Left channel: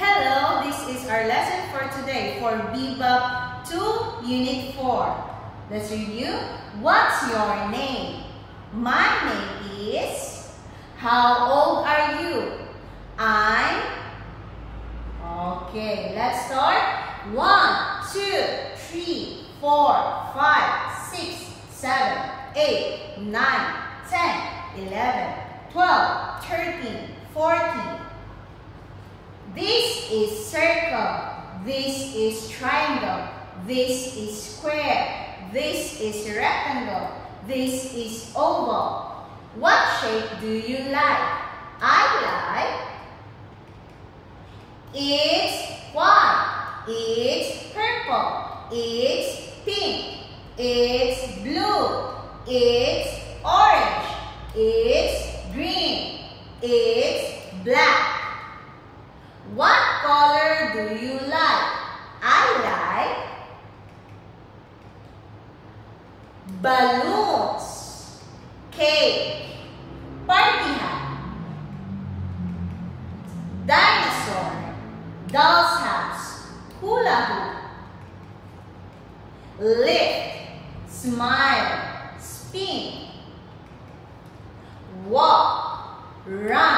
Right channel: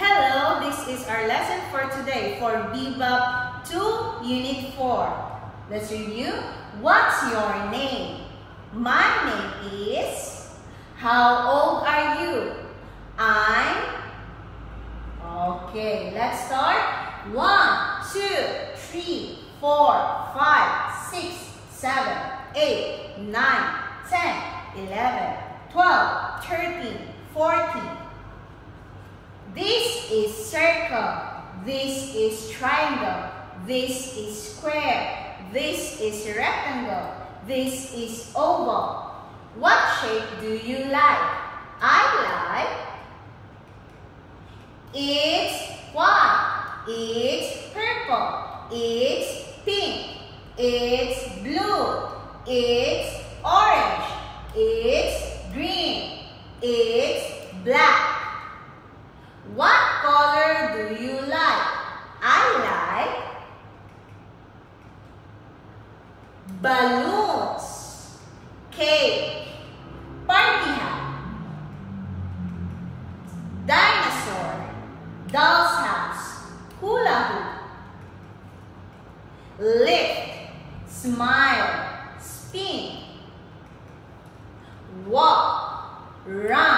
Hello, this is our lesson for today for Bebop 2 Unit 4. Let's review. What's your name? My name is... How old are you? I'm... Okay, let's start. 1, 2, 3, 4, 5, 6, 7, 8, 9, 10, 11, 12, 13, 14. This is circle. This is triangle. This is square. This is rectangle. This is oval. What shape do you like? I like... It's white. It's purple. It's pink. It's blue. It's orange. It's green. It's black. What color do you like? I like balloons, cake, party hat, dinosaur, doll's house, hula hoop, lift, smile, spin, walk, run.